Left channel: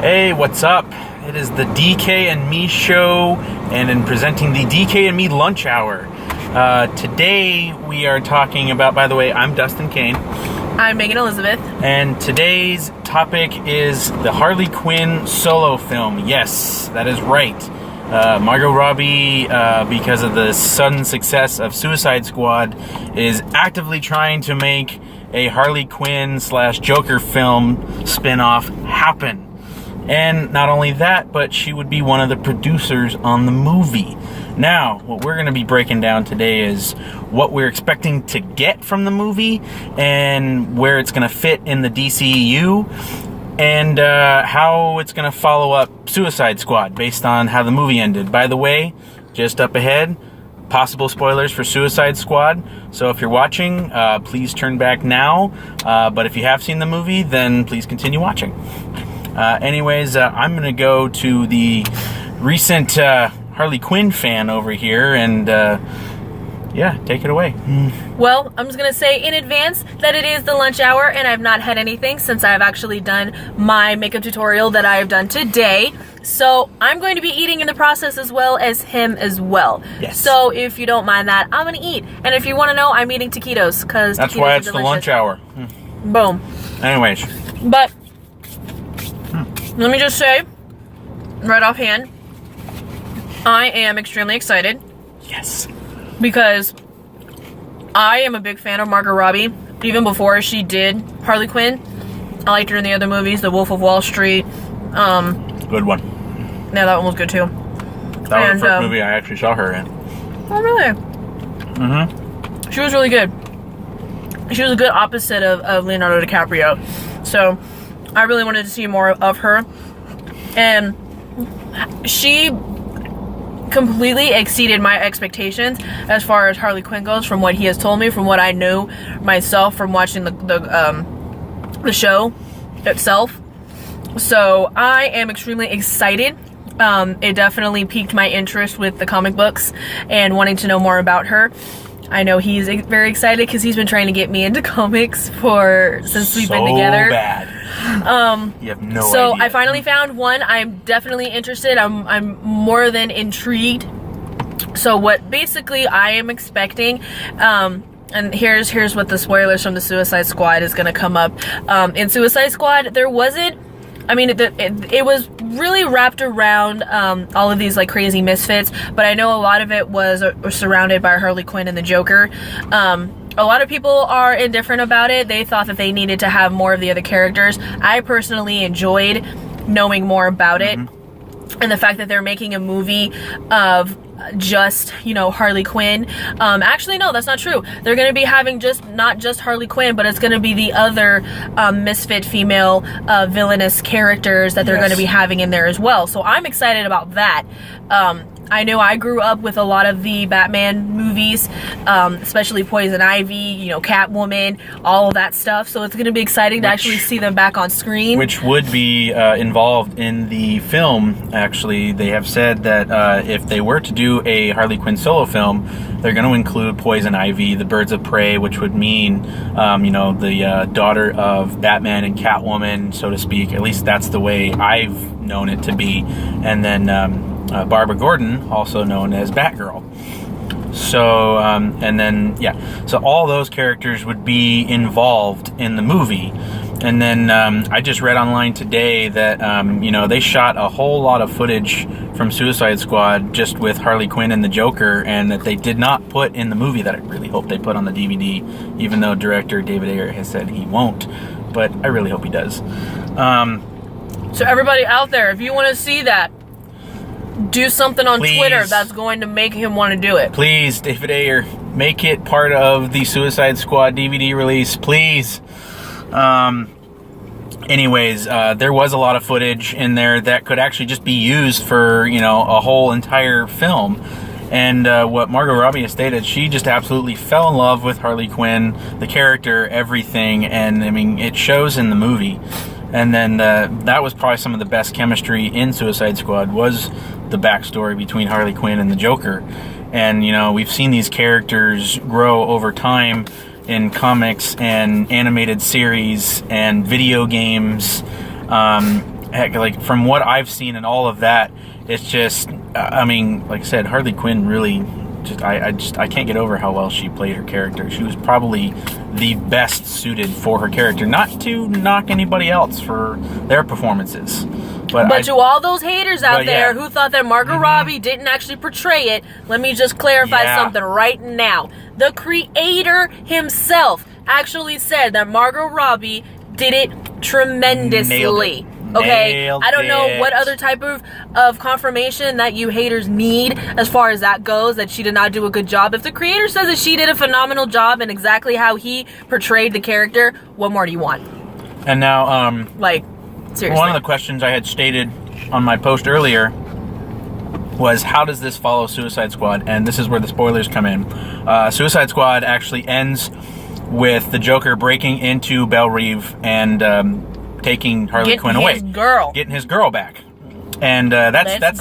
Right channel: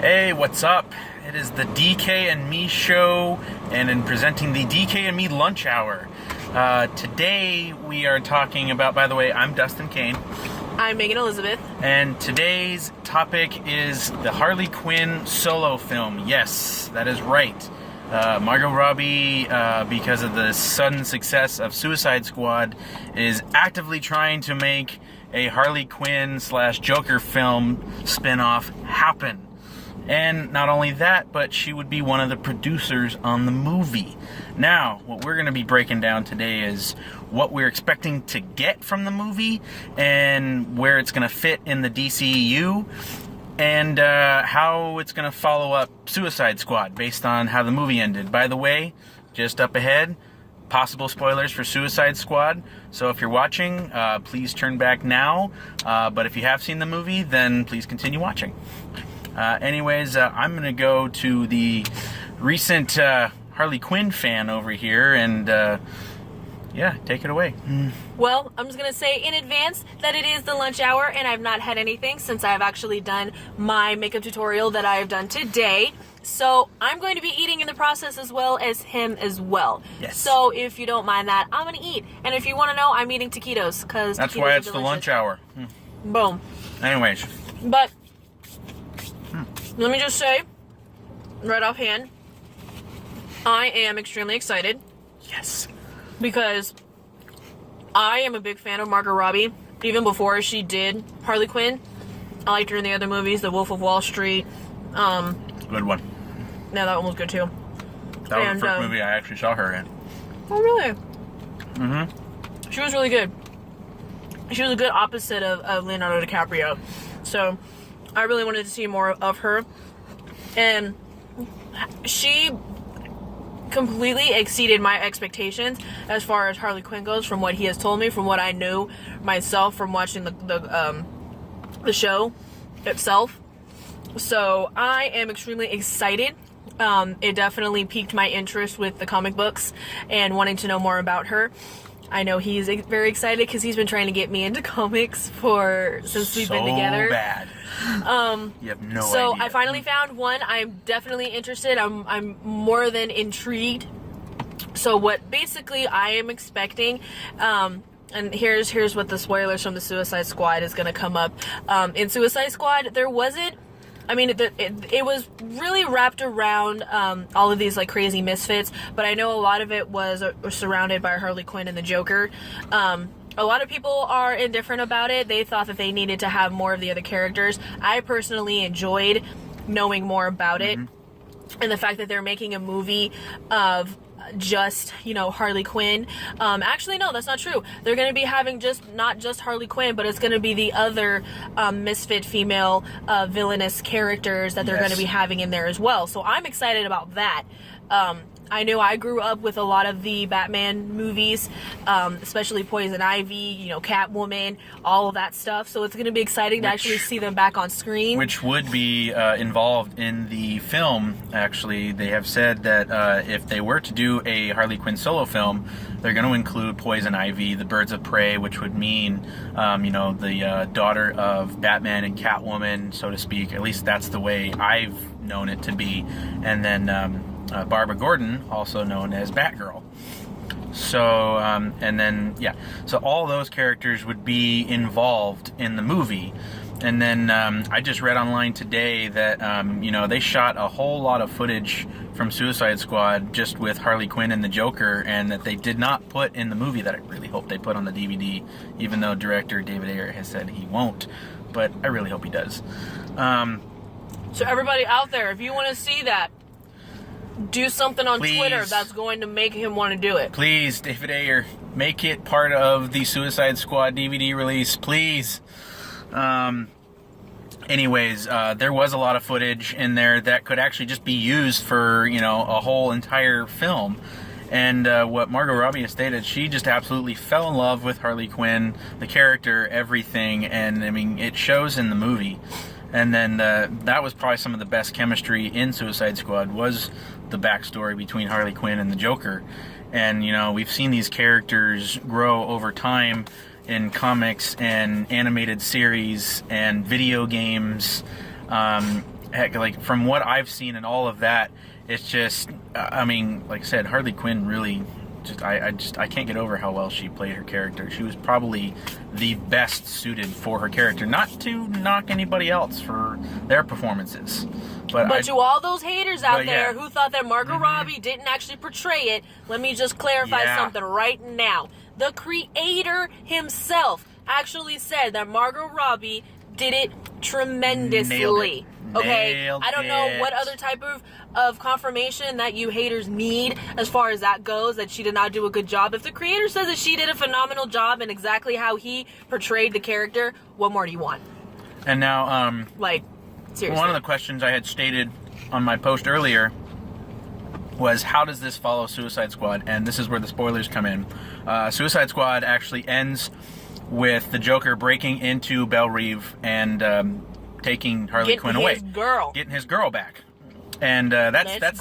Hey, what's up? It is the DK and Me show, and in presenting the DK and Me lunch hour. Today we are talking about, by the way, I'm Dustin Kane. I'm Megan Elizabeth. And today's topic is the Harley Quinn solo film. Yes, that is right. Margot Robbie, because of the sudden success of Suicide Squad, is actively trying to make a Harley Quinn / Joker film spin-off happen. And not only that, but she would be one of the producers on the movie. Now, what we're going to be breaking down today is what we're expecting to get from the movie and where it's going to fit in the DCEU and how it's going to follow up Suicide Squad based on how the movie ended. By the way, just up ahead, possible spoilers for Suicide Squad. So if you're watching, please turn back now. But if you have seen the movie, then please continue watching. Anyways, I'm going to go to the recent Harley Quinn fan over here and, yeah, take it away. Well, I'm just going to say in advance that it is the lunch hour and I've not had anything since I've actually done my makeup tutorial that I've done today. So I'm going to be eating in the process as well as him as well. Yes. So if you don't mind that, I'm going to eat. And if you want to know, I'm eating taquitos because that's why it's the lunch hour. Boom. Anyways. But let me just say, right offhand, I am extremely excited. Yes. Because I am a big fan of Margot Robbie. Even before she did Harley Quinn, I liked her in the other movies, The Wolf of Wall Street. Good one. Yeah, that one was good too. That was the first movie I actually saw her in. Oh, really? Mm-hmm. She was really good. She was a good opposite of Leonardo DiCaprio. So I really wanted to see more of her. And she completely exceeded my expectations as far as Harley Quinn goes, from what he has told me, from what I knew myself from watching the show itself. So I am extremely excited. It definitely piqued my interest with the comic books and wanting to know more about her. I know he's very excited because he's been trying to get me into comics since we've been together. So bad. You have no idea. So I finally found one. I'm definitely interested. I'm more than intrigued. So what basically I am expecting, and here's what the spoilers from the Suicide Squad is going to come up. In Suicide Squad, there wasn't. I mean, it was really wrapped around all of these like crazy misfits, but I know a lot of it was surrounded by Harley Quinn and the Joker. A lot of people are indifferent about it. They thought that they needed to have more of the other characters. I personally enjoyed knowing more about it, and the fact that they're making a movie of just, Harley Quinn. Actually, no, that's not true. They're going to be having not just Harley Quinn, but it's going to be the other misfit female villainous characters that they're going to be having in there as well. So I'm excited about that. I know I grew up with a lot of the Batman movies, especially Poison Ivy, Catwoman, all of that stuff. So it's going to be exciting to actually see them back on screen. Which would be involved in the film. Actually, they have said that if they were to do a Harley Quinn solo film, they're going to include Poison Ivy, the Birds of Prey, which would mean, the daughter of Batman and Catwoman, so to speak. At least that's the way I've known it to be. And then Barbara Gordon, also known as Batgirl. So, so all those characters would be involved in the movie. And then I just read online today that, they shot a whole lot of footage from Suicide Squad just with Harley Quinn and the Joker, and that they did not put in the movie that I really hope they put on the DVD, even though director David Ayer has said he won't. But I really hope he does. So everybody out there, if you want to see that, do something on Twitter that's going to make him want to do it. Please, David Ayer, make it part of the Suicide Squad DVD release, please. Anyways, there was a lot of footage in there that could actually just be used for, a whole entire film. And what Margot Robbie has stated, she just absolutely fell in love with Harley Quinn, the character, everything, and I mean, it shows in the movie. And then that was probably some of the best chemistry in Suicide Squad, was the backstory between Harley Quinn and the Joker. And, we've seen these characters grow over time in comics and animated series and video games. heck, like from what I've seen and all of that, it's just, I mean, like I said, Harley Quinn really I can't get over how well she played her character. She was probably the best suited for her character. Not to knock anybody else for their performances, but to all those haters out there yeah. who thought that Margot Robbie didn't actually portray it, let me just clarify something right now. The creator himself actually said that Margot Robbie did it tremendously. Okay, I don't know what other type of confirmation that you haters need as far as that goes, that she did not do a good job. If the creator says that she did a phenomenal job and exactly how he portrayed the character, what more do you want? And now, like, seriously. One of the questions I had stated on my post earlier was, how does this follow Suicide Squad? And this is where the spoilers come in. Suicide Squad actually ends with the Joker breaking into Belle Reve and taking Harley Quinn away, getting his girl back, and that's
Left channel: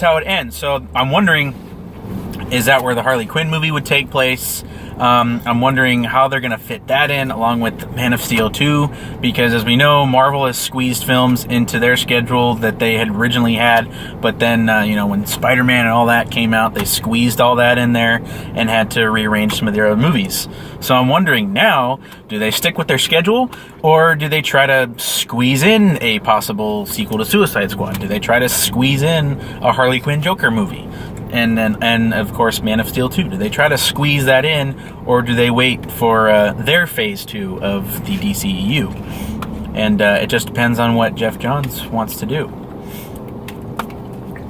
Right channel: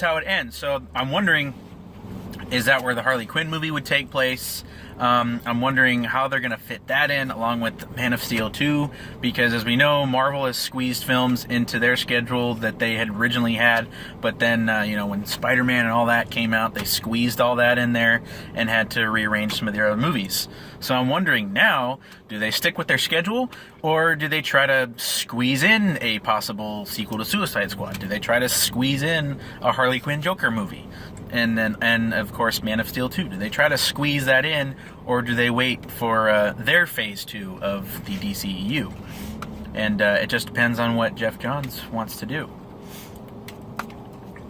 how it ends. So I'm wondering, is that where the Harley Quinn movie would take place? I'm wondering how they're going to fit that in along with Man of Steel 2, because as we know, Marvel has squeezed films into their schedule that they had originally had, but then, when Spider-Man and all that came out, they squeezed all that in there and had to rearrange some of their other movies. So I'm wondering now, do they stick with their schedule, or do they try to squeeze in a possible sequel to Suicide Squad? Do they try to squeeze in a Harley Quinn Joker movie? And of course, Man of Steel 2. Do they try to squeeze that in, or do they wait for their phase 2 of the DCEU? And it just depends on what Jeff Johns wants to do.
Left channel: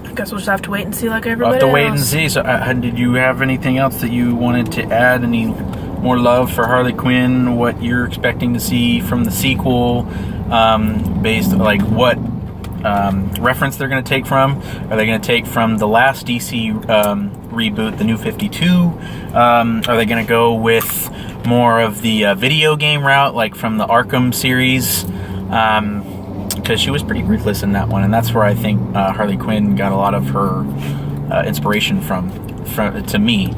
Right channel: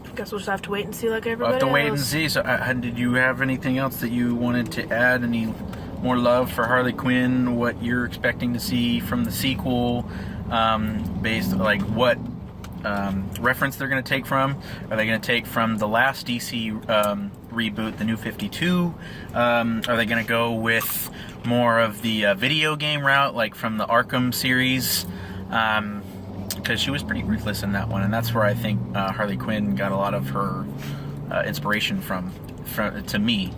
I guess we'll just have to wait and see, like everybody We'll have to wait else. and see. So, did you have anything else that you wanted to add? Any more love for Harley Quinn? What you're expecting to see from the sequel? Based, like, what reference they're going to take from? Are they going to take from the last DC reboot, the New 52? Are they going to go with more of the video game route, like from the Arkham series? Because she was pretty ruthless in that one, and that's where I think Harley Quinn got a lot of her inspiration from to me.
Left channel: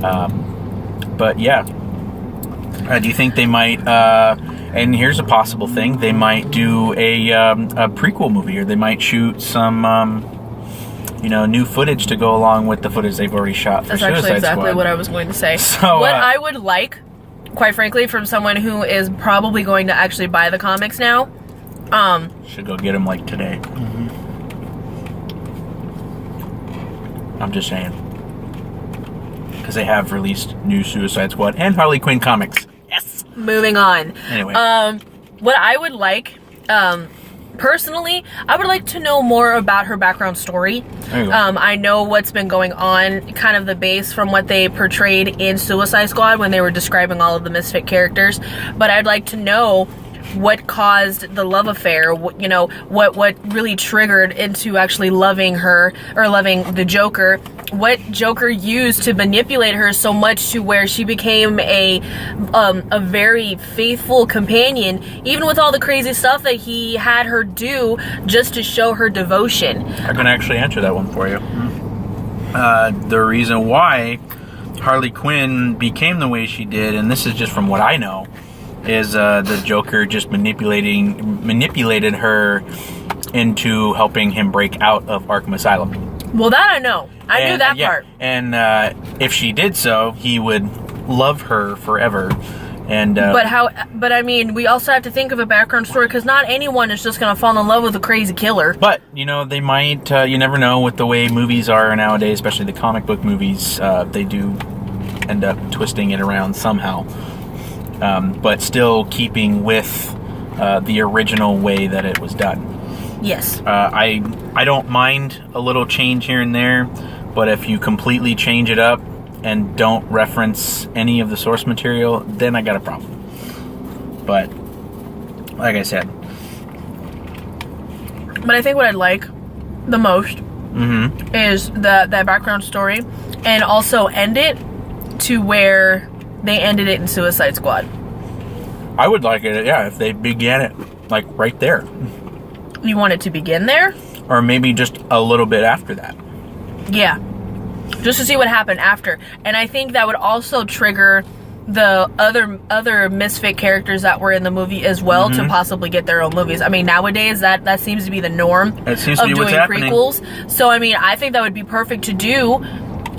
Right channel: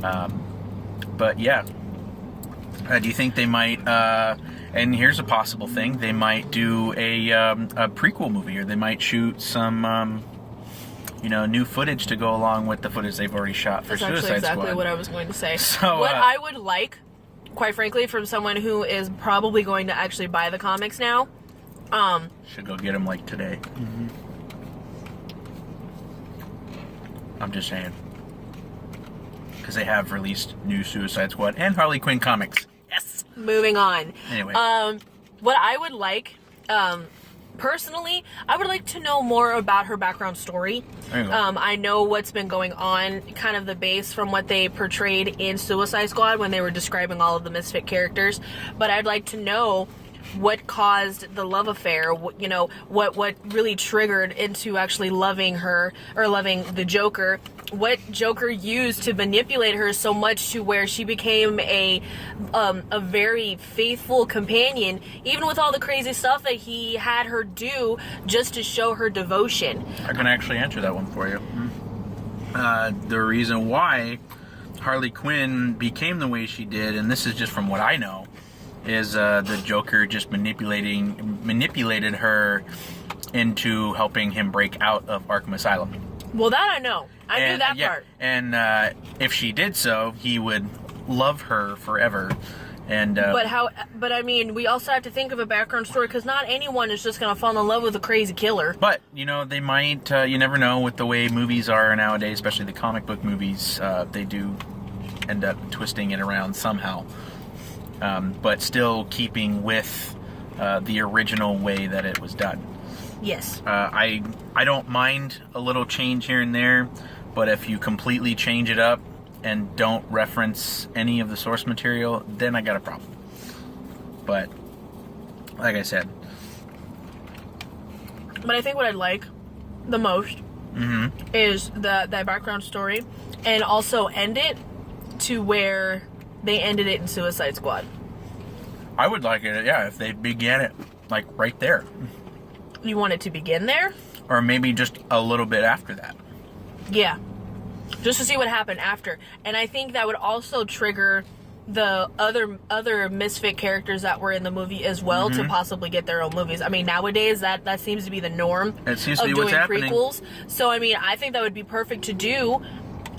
But yeah, do you think they might? And here's a possible thing: they might do a prequel movie, or they might shoot some, new footage to go along with the footage they've already shot for Suicide Squad. That's actually exactly what I was going to say. So, what I would like, quite frankly, from someone who is probably going to actually buy the comics now, should go get them like today. I'm just saying, because they have released new Suicide Squad and Harley Quinn comics. Yes. Moving on. Anyway, what I would like, personally, I would like to know more about her background story. There you go. I know what's been going on, kind of the base from what they portrayed in Suicide Squad when they were describing all of the misfit characters, but I'd like to know what caused the love affair, what really triggered into actually loving her, or loving the Joker. What Joker used to manipulate her so much to where she became a very faithful companion, even with all the crazy stuff that he had her do just to show her devotion. I can actually answer that one for you. The reason why Harley Quinn became the way she did, and this is just from what I know, is the Joker just manipulated her into helping him break out of Arkham Asylum. Well, that I know. I knew that part. And if she did so, he would love her forever. And but I mean, we also have to think of a background story, because not anyone is just going to fall in love with a crazy killer. But, they might, you never know with the way movies are nowadays, especially the comic book movies, they do end up twisting it around somehow. But still keeping with the original way that it was done. Yes. I don't mind a little change here and there, but if you completely change it up and don't reference any of the source material, then I got a problem. But, like I said. But I think what I'd like the most is that background story, and also end it to where they ended it in Suicide Squad. I would like it, if they began it, like, right there. You want it to begin there? Or maybe just a little bit after that. Yeah. Just to see what happened after. And I think that would also trigger the other misfit characters that were in the movie as well to possibly get their own movies. I mean, nowadays that seems to be the norm of doing prequels. So I mean, I think that would be perfect to do.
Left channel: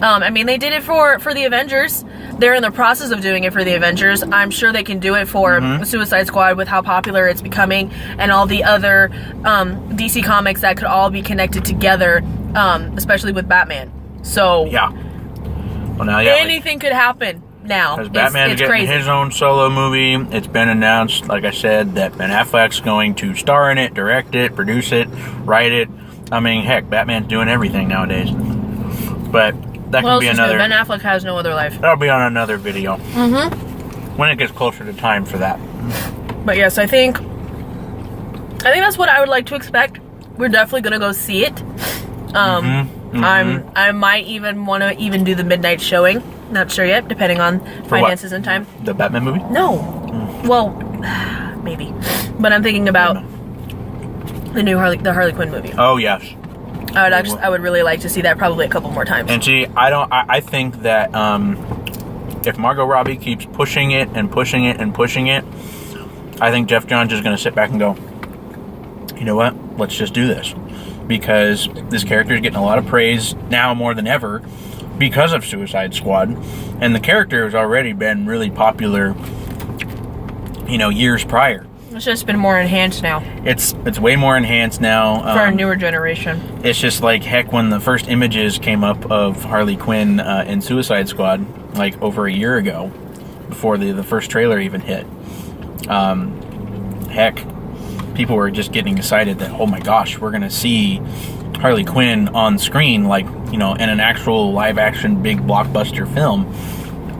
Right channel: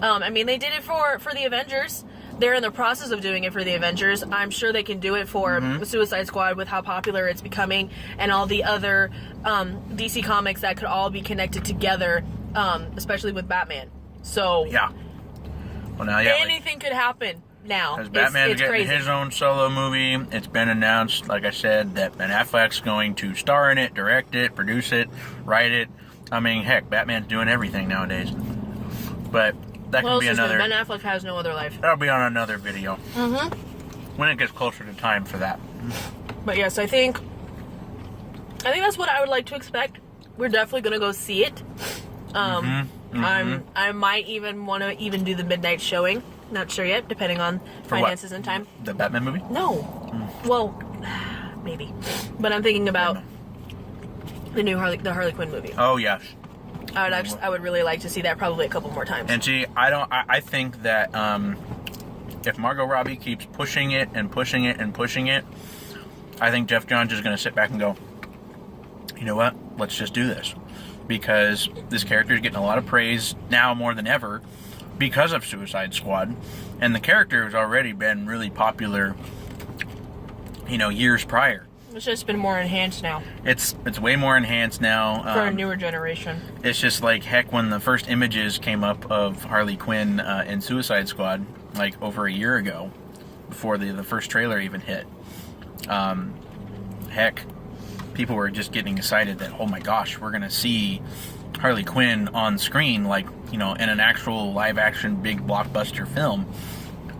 I mean, they did it for the Avengers. They're in the process of doing it for the Avengers. I'm sure they can do it for Suicide Squad with how popular it's becoming and all the other DC comics that could all be connected together, especially with Batman. So yeah. Well, now anything could happen now. Because Batman's getting crazy. his own solo movie. It's been announced, like I said, that Ben Affleck's going to star in it, direct it, produce it, write it. I mean, heck, Batman's doing everything nowadays. But that can be another. Ben Affleck has no other life. That'll be on another video. When it gets closer to time for that. But yes, I think that's what I would like to expect. We're definitely gonna go see it. I might even want to do the midnight showing. Not sure yet, depending on finances and time. The Batman movie? No. Well, maybe. But I'm thinking about the new Harley Quinn movie. Oh yes. I would really like to see that probably a couple more times. And see, I think that if Margot Robbie keeps pushing it and pushing it and pushing it, I think Jeff Johns is going to sit back and go, you know what? Let's just do this. Because this character is getting a lot of praise now more than ever because of Suicide Squad. And the character has already been really popular, years prior. It's just been more enhanced now. It's way more enhanced now. For a newer generation. It's just like, heck, when the first images came up of Harley Quinn in Suicide Squad, like over a year ago, before the first trailer even hit, heck, people were just getting excited that, oh my gosh, we're going to see Harley Quinn on screen, like, in an actual live-action big blockbuster film,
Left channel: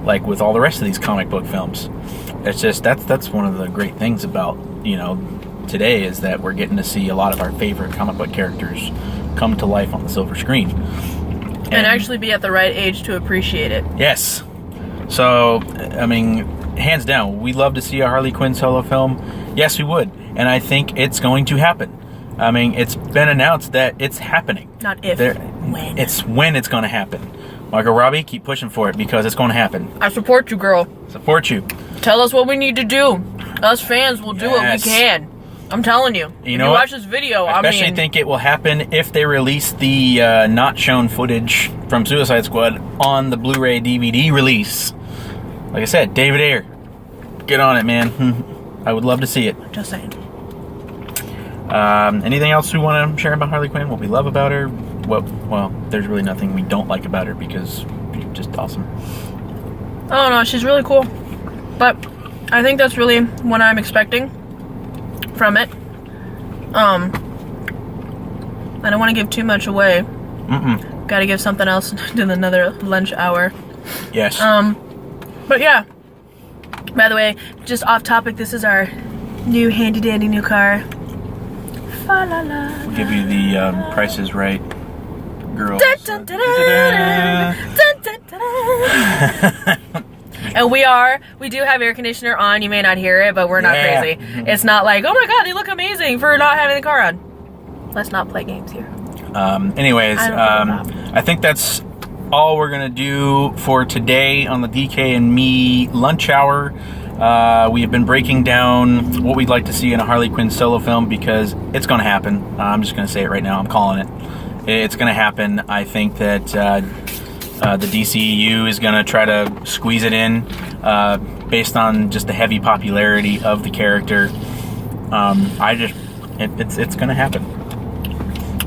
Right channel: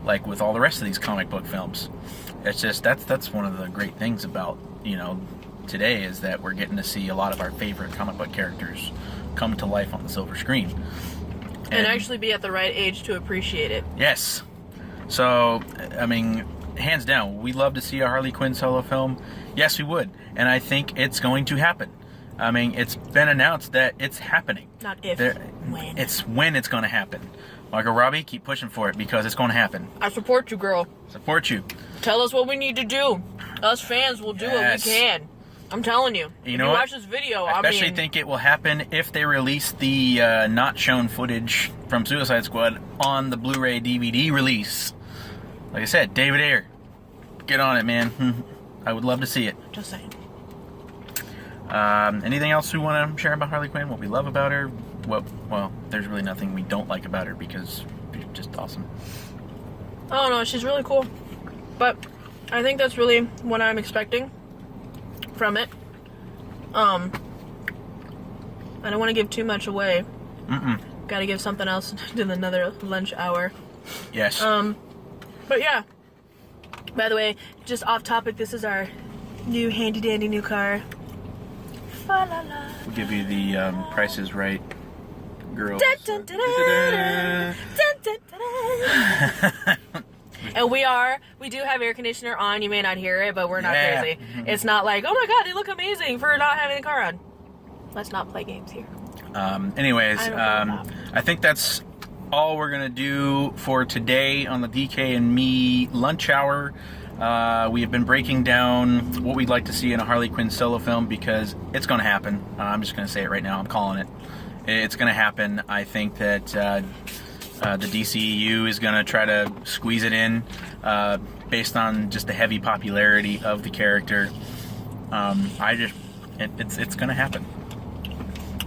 like with all the rest of these comic book films. It's just, that's one of the great things about, today, is that we're getting to see a lot of our favorite comic book characters come to life on the silver screen. And actually be at the right age to appreciate it. Yes. So, I mean, hands down, we'd love to see a Harley Quinn solo film. Yes, we would. And I think it's going to happen. I mean, it's been announced that it's happening. Not if, when. It's when it's going to happen. Margot Robbie, keep pushing for it because it's going to happen. I support you, girl. Support you. Tell us what we need to do. Us fans will do what we can. I'm telling you. You if know you what? watch this video, I especially think it will happen if they release the not shown footage from Suicide Squad on the Blu-ray DVD release. Like I said, David Ayer, get on it, man. I would love to see it. Just saying. Anything else we want to share about Harley Quinn? What we love about her? Well, there's really nothing we don't like about her because she's just awesome. Oh no, she's really cool. But I think that's really what I'm expecting from it. I don't want to give too much away. Gotta give something else to another lunch hour. Yes. But yeah. By the way, just off topic, this is our new handy dandy new car. We'll give you the Price is Right girls. And we do have air conditioner on. You may not hear it, but we're not crazy. It's not like, oh my god, they look amazing for not having the car on. Let's not play games here. Anyways, I think that's all we're going to do for today on the DK and me lunch hour. We have been breaking down what we'd like to see in a Harley Quinn solo film because it's going to happen. I'm just going to say it right now. I'm calling it. It's going to happen. I think that the DCEU is going to try to squeeze it in based on just the heavy popularity of the character. It's going to happen.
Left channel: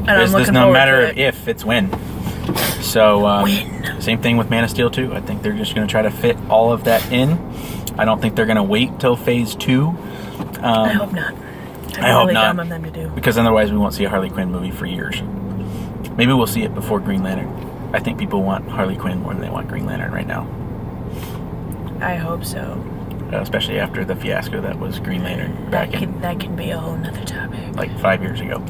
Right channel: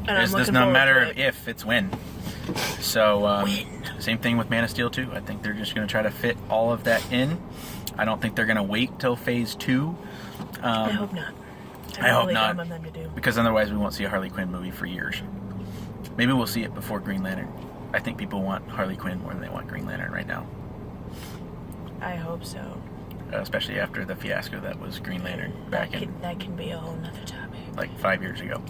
And I'm looking no forward matter to it. if, it's when. So same thing with Man of Steel 2. I think they're just going to try to fit all of that in. I don't think they're going to wait till phase 2. I hope not. I hope not. Dumb of them to do. Because otherwise we won't see a Harley Quinn movie for years. Maybe we'll see it before Green Lantern. I think people want Harley Quinn more than they want Green Lantern right now. I hope so. Especially after the fiasco that was Green Lantern that can be a whole nother topic. Like 5 years ago.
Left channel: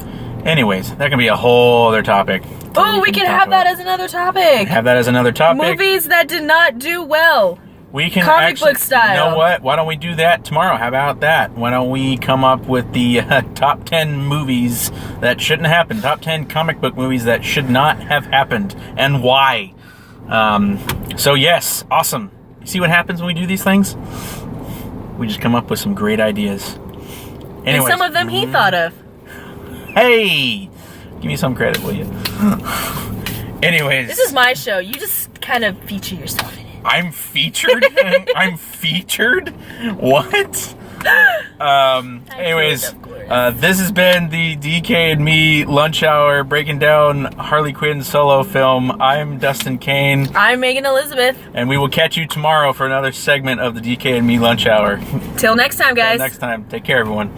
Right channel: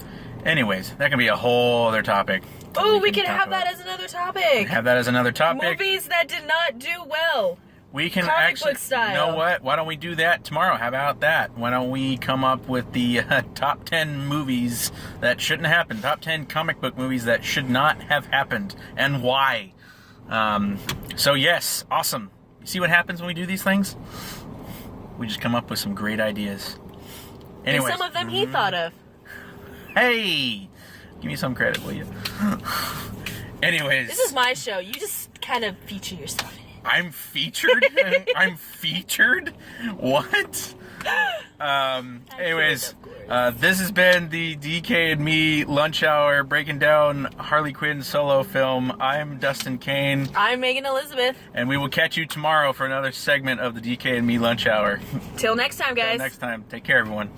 Anyways, that can be a whole other topic. Oh, we can have that as another topic. Have that as another topic. Movies that did not do well. We can comic book style. You know what? Why don't we do that tomorrow? How about that? Why don't we come up with the top 10 movies that shouldn't happen? Top 10 comic book movies that should not have happened, and why? So yes, awesome. See what happens when we do these things? We just come up with some great ideas. Anyways, and some of them he thought of. Hey! Give me some credit, will you? Anyways. This is my show. You just kind of feature yourself in it. I'm featured? I'm featured? What? Anyways, this has been the DK and me lunch hour breaking down Harley Quinn solo film. I'm Dustin Kane. I'm Megan Elizabeth. And we will catch you tomorrow for another segment of the DK and me lunch hour. Till next time, guys. Till next time. Take care, everyone.